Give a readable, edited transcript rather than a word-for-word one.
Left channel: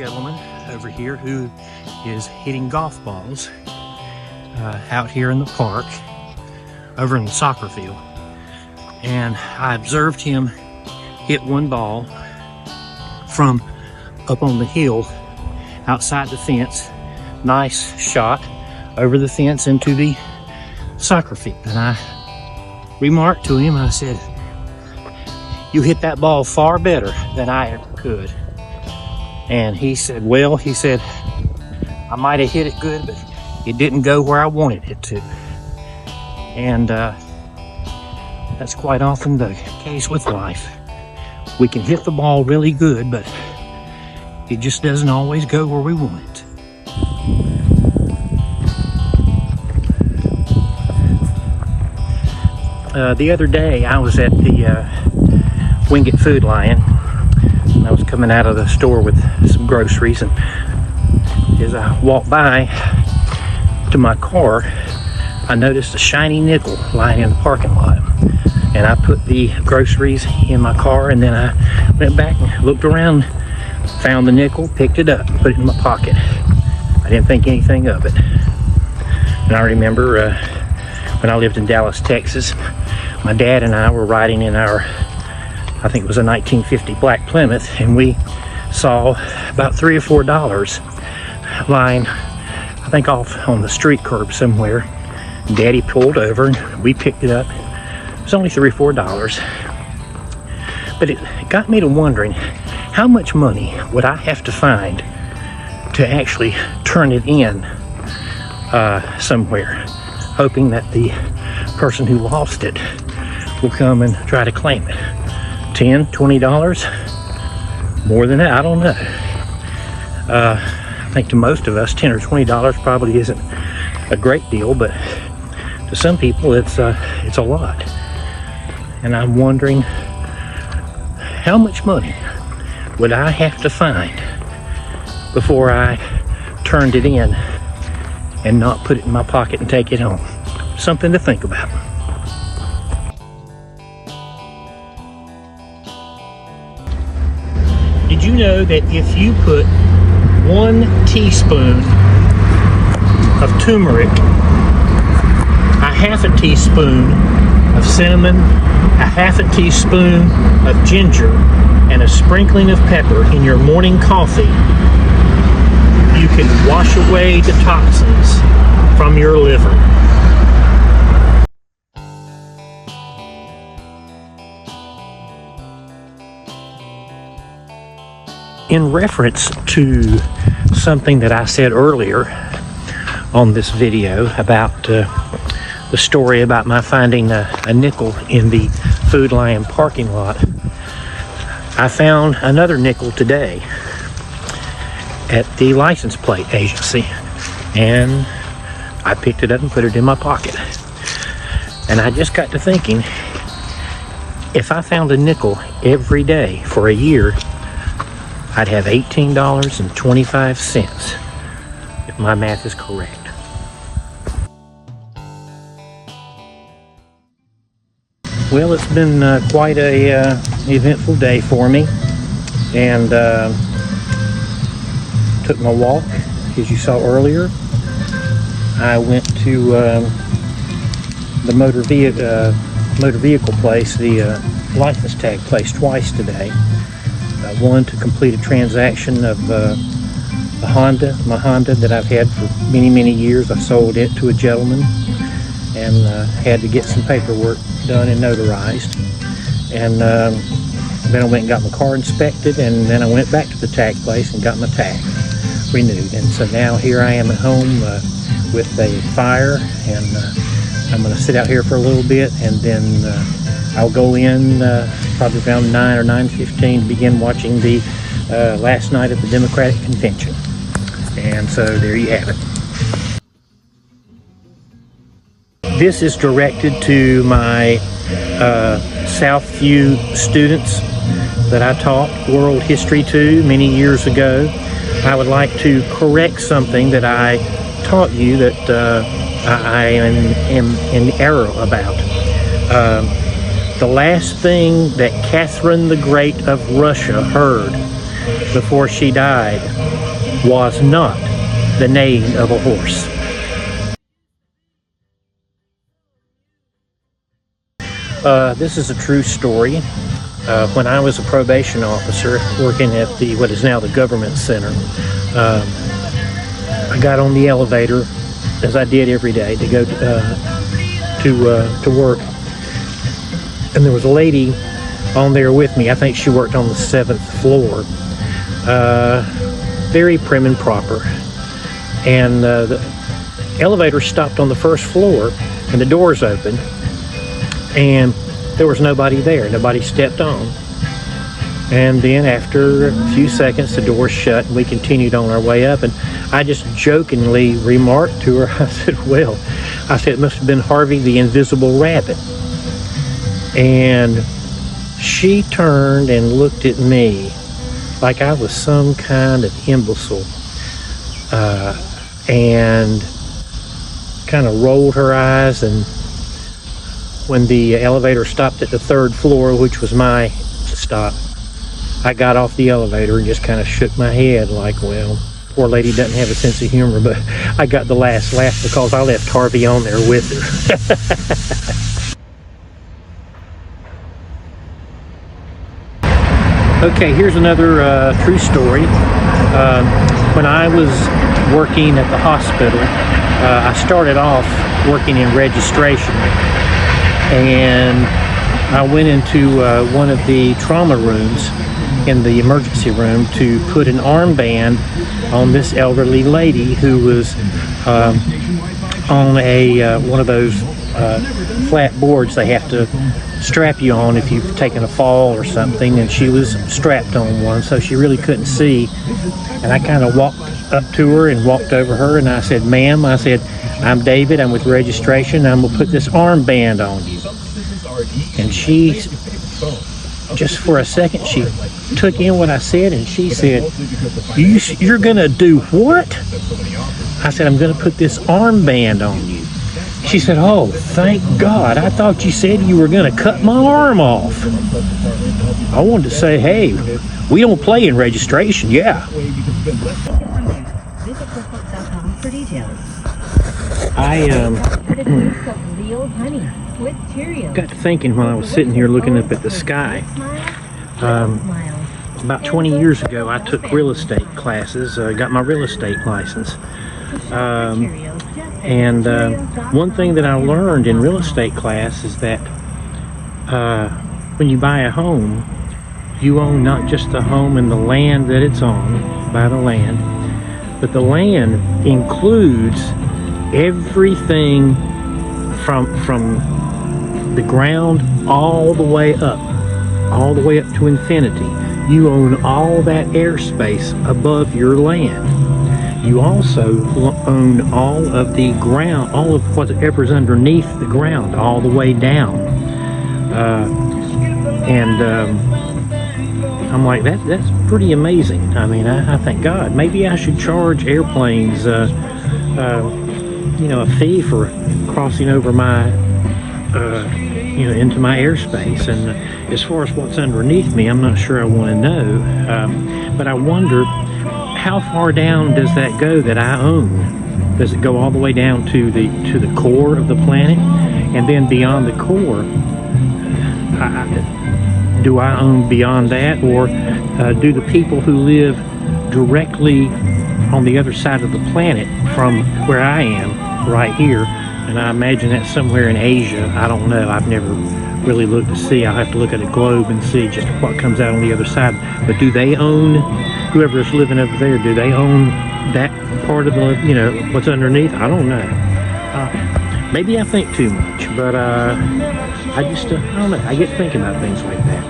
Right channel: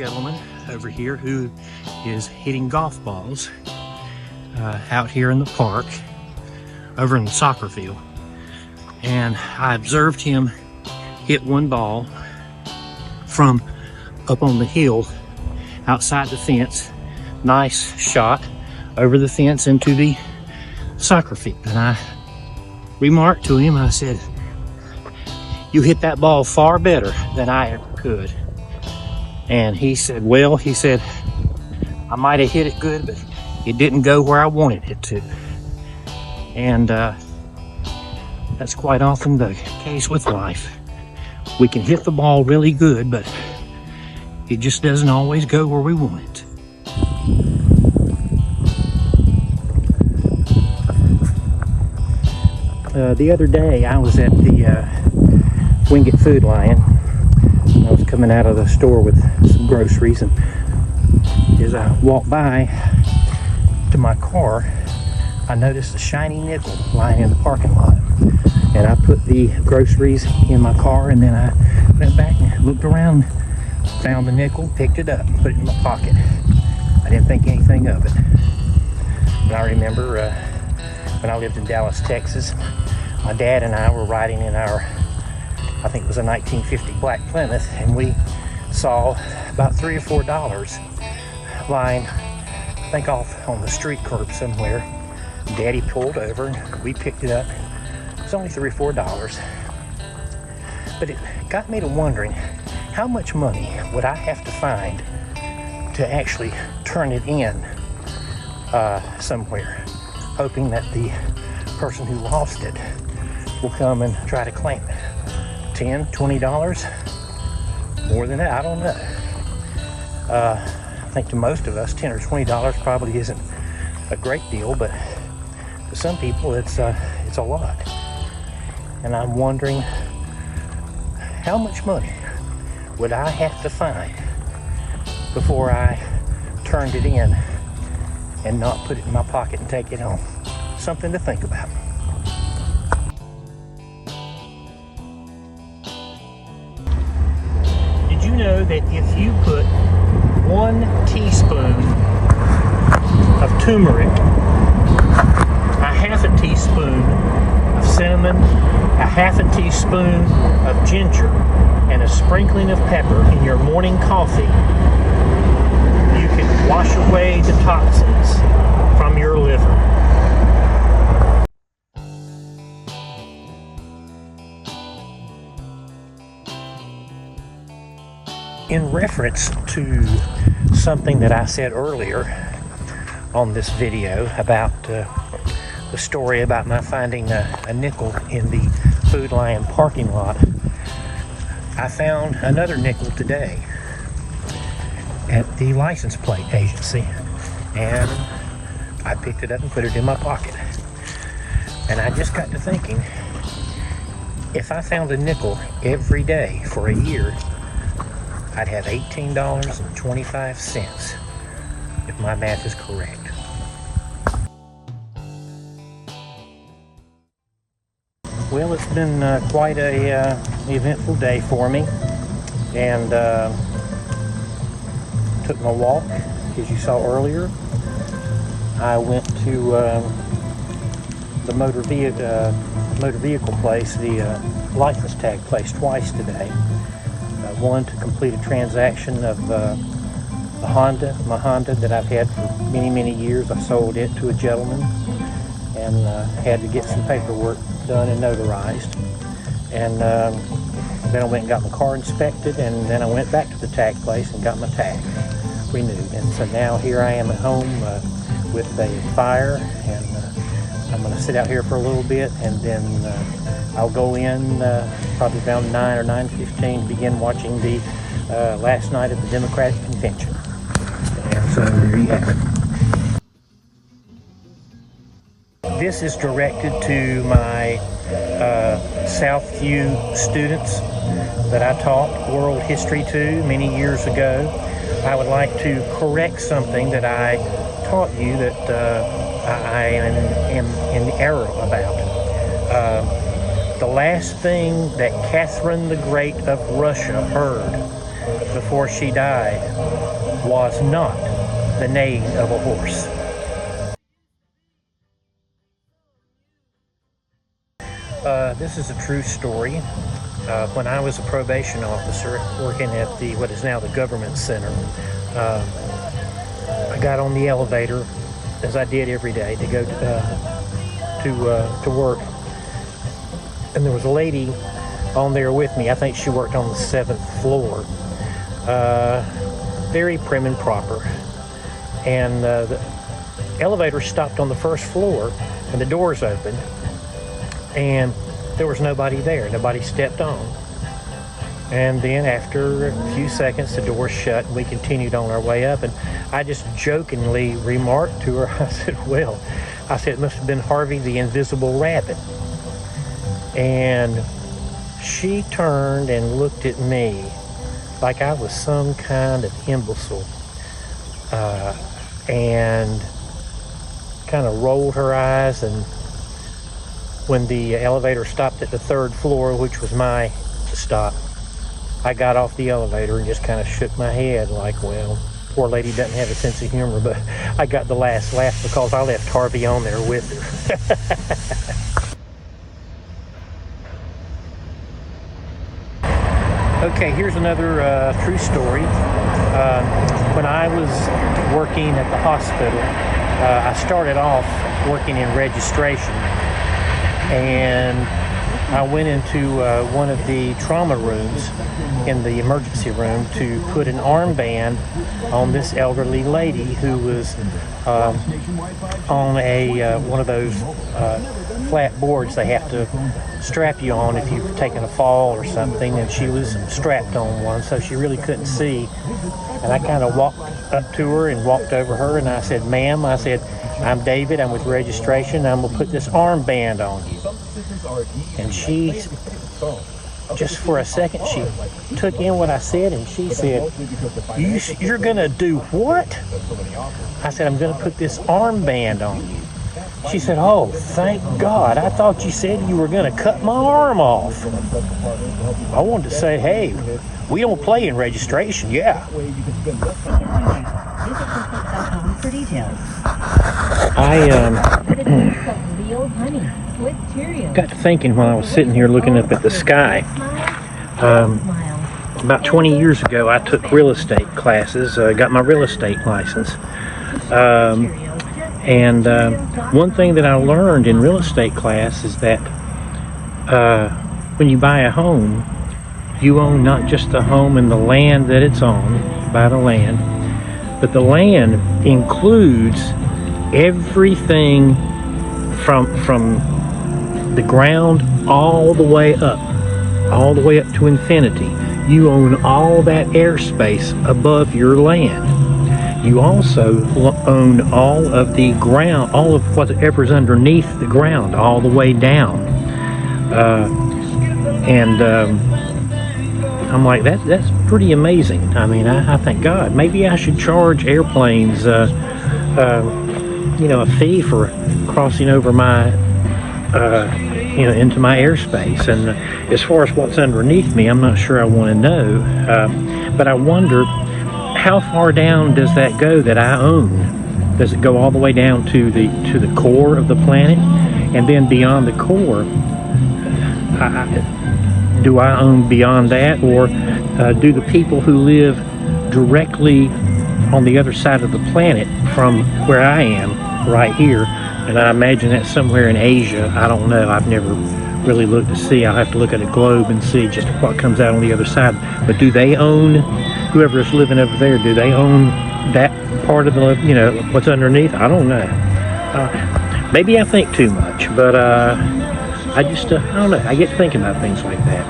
gentleman over here who is hitting golf balls out here in the park, over in the soccer field. And I observed him hit one ball from up on the hill outside the fence. Nice shot over the fence into the soccer field. And I remarked to him, I said, "You hit that ball far better than I ever could." And he said, "Well," he said, "I might have hit it good, but it didn't go where I wanted it to." And that's quite often the case with life. We can hit the ball really good, but it just doesn't always go where we want it. The other day I was at the Wingate Food Lion. I was coming out of the store with some groceries, and as I walked by to my car, I noticed a shiny nickel lying in the parking lot. And I put the groceries in my car, and then I went back and looked around, found the nickel, picked it up, put it in my pocket. I didn't think anything of it. And I remember when I lived in Dallas, Texas, my dad and I were riding in our, I think it was a 1950 black Plymouth, and we saw about $3 or $4 lying, I think off on the street curb somewhere. Daddy pulled over and we picked it up. It was only $3 or $4. But it got me to wondering, how much money would I have to find to actually turn it in somewhere, hoping that the person who lost it will come and try to claim it? $10, $20? More than that? I don't know. I think to most of us, $10 or $20 probably isn't a great deal, but to some people it's a lot. And I'm wondering, how much money would I have to find before I turned it in and not put it in my pocket and take it home? Something to think about. Did you know that if you put 1 teaspoon of turmeric, a half a teaspoon of cinnamon, a half a teaspoon of ginger, and a sprinkling of pepper in your morning coffee, you can wash away the toxins from your liver? In reference to something that I said earlier on this video about the story about my finding a nickel in the Food Lion parking lot, I found another nickel today at the license plate agency, and I picked it up and put it in my pocket. And I just got to thinking, if I found a nickel every day for a year, I'd have $18.25, if my math is correct. Well, it's been quite a eventful day for me, and took my walk, as you saw earlier. I went to the motor vehicle place, the license tag place, twice today. One to complete a transaction of my Honda that I've had for many years. I sold it to a gentleman and had to get some paperwork done and notarized. And then I went and got my car inspected, and then I went back to the tag place and got my tag renewed. And so now here I am at home with a fire, and I'm going to sit out here for a little bit, and then I'll go in probably around 9 or 9:15 to begin watching the last night at the Democratic Convention. And so there you have it. This is directed to my Southview students that I taught world history to many years ago. I would like to correct something that I taught you that I am in error about. The last thing that Catherine the Great of Russia heard before she died was not the neighing of a horse. This is a true story. When I was a probation officer working at what is now the government center, I got on the elevator, as I did every day, to go to work, and there was a lady on there with me. I think she worked on the 7th floor. Very prim and proper, and the elevator stopped on the 1st floor, and the doors opened, and there was nobody there. Nobody stepped on. And then after a few seconds, the doors shut, and we continued on our way up. And I just jokingly remarked to her, I said, well, it must have been Harvey the Invisible Rabbit. And she turned and looked at me like I was some kind of imbecile, and kind of rolled her eyes. And when the elevator stopped at the 3rd floor, which was my stop, I got off the elevator and just kind of shook my head like, well, poor lady doesn't have a sense of humor. But I got the last laugh because I left Harvey on there with her. Okay, here's another true story. When I was working at the hospital, I started off working in registration, and I went into one of the trauma rooms in the emergency room to put an armband on this elderly lady who was on one of those flat boards they have to strap you on if you've taken a fall or something, and she was strapped on one, so she really couldn't see. And I kind of walked up to her and walked over her, and I said, ma'am, I said, I'm David, I'm with registration, I'm gonna put this armband on you. And she, just for a second, she took in what I said, and she said, you're gonna do what? I said, I'm gonna put this armband on you. She said, oh, thank God. I thought you said you were gonna cut my arm off. I wanted to say, hey, we don't play in registration, yeah. I got to thinking while I was sitting here looking up at the sky. About 20 years ago, I took real estate classes, got my real estate license. And one thing that I learned in real estate class is that when you buy a home, you own not just the home and the land that it's on, buy the land, but the land includes everything from the ground all the way up to infinity. You own all that airspace above your land. You also own all of the ground, all of whatever's underneath the ground, all the way down. I'm like, that's pretty amazing. I mean, I think, God, maybe I should charge airplanes, a fee for crossing over my, into my airspace. And as far as what's underneath me, I'm not sure I want to know. But I wonder, how far down does that go that I own? Does it go all the way down to the core of the planet? And then beyond the core, do I own beyond that? Or do the people who live directly on the other side of the planet from where I am, right here, and I imagine that's somewhere in Asia, I don't know, I've never really looked to see, I'll have to look at a globe and see just what comes out on the other side. But do they own, whoever's living over there, do they own that part of the, what's underneath? I don't know. Maybe I think too much, but I don't know, I get thinking about things like that.